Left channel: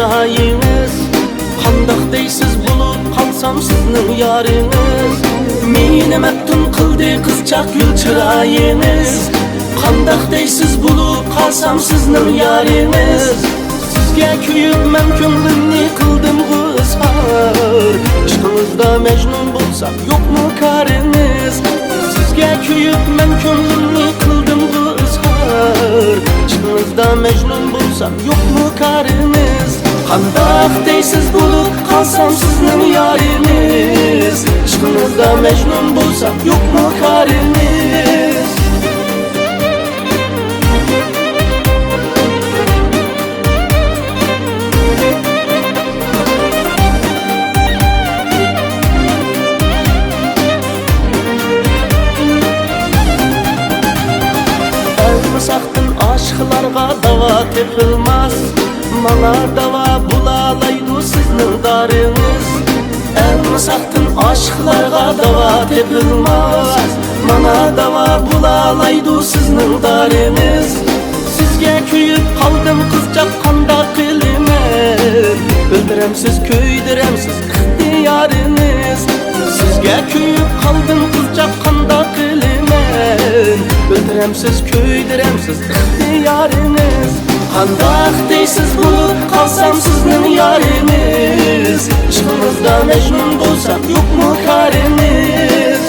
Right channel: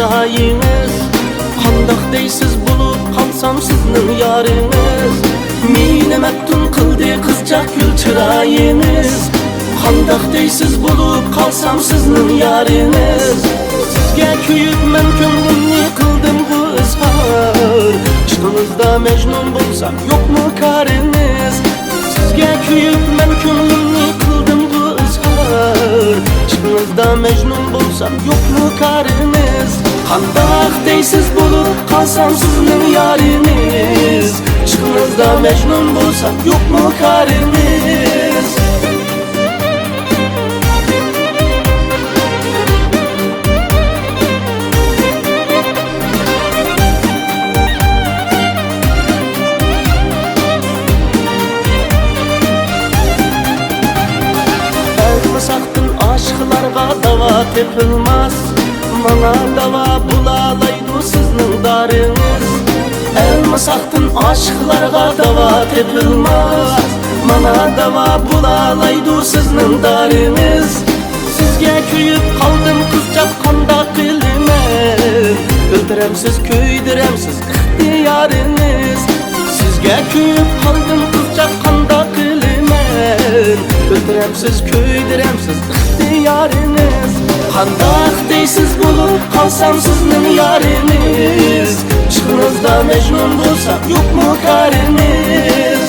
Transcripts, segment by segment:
çırayınız. Qandaq deysiz bulup qalsam sizning yarınız. Meni maftun qildi qizchaq gul çırayınız. Qandaq deysiz bulup qalsam sizning yarınız. Sizga kuyib men ko'nglimni qildim izhor. Ishqingizda majnun bo'lsam yo'qmi qariniz? Sizga kuyib men ko'nglimni qildim izhor. Ishqingizda majnun bo'lsam yo'qmi qariniz? Qandaq deysiz bo'lib qalsam sizning yariniz. Ishqingizda majnun bo'lsam yo'qmi qariniz? Elmasaqdın aşıqlarga dava tepilmez. Mana dava bulalaydı sizning darınız. Elmasaqdın aşıqlarga dava tepilmez. Mana dava bulalaydı sizning darınız. Sizga kuyib qaldim qizchaq qandaq qilaman. Öldüremsiz köydiremsiz ixtiyoriniz. Sizga kuyib qaldim qizchaq qandaq qilaman. Öldüremsiz köydiremsiz ixtiyoriniz. Qandaq deysiz bo'lib qalsam sizning yariniz. Ishqingizda majnun bo'lsam yo'qmi qariniz?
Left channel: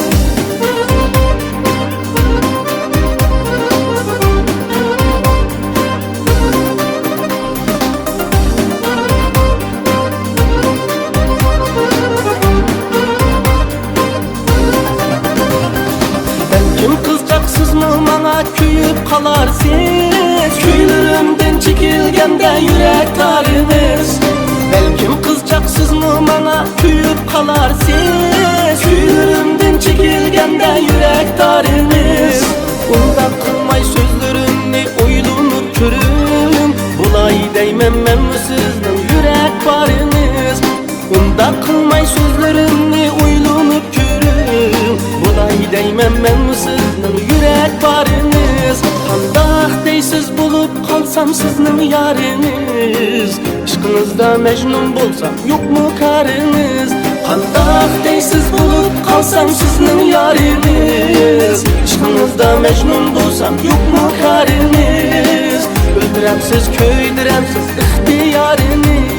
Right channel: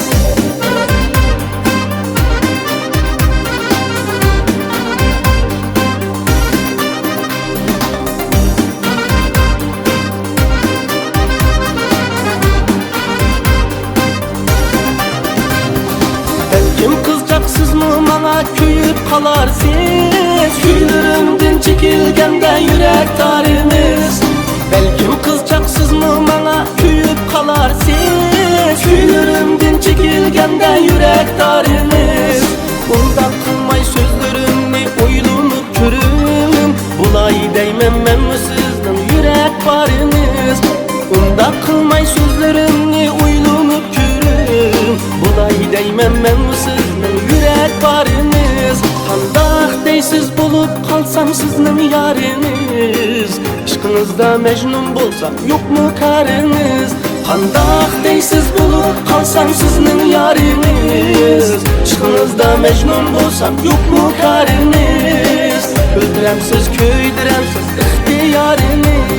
Belkim qizchaqsizmi mana kuyib qalarsiz. Kuylarimdan chekilganda yurak tariniz. Belkim qizchaqsizmi mana kuyib qalarsiz. Kuylarimdan chekilganda yurak tariniz. Undan qilmay so'zlarimni o'ylanib ko'ring. Bulay deyman men sizning yurak bariniz. Undan qilmay so'zlarimni o'ylanib ko'ring. Bulay deyman men sizning yurak bariniz. Qandaq deysiz bo'lib qalsam sizning yariniz. Ishqingizda majnun bo'lsam yo'qmi qariniz? Qandaq deysiz bo'lib qalsam sizning yariniz. Ishqingizda majnun bo'lsam yo'qmi qariniz? Öldüremsiz köydiremsiz ixtiyoriniz.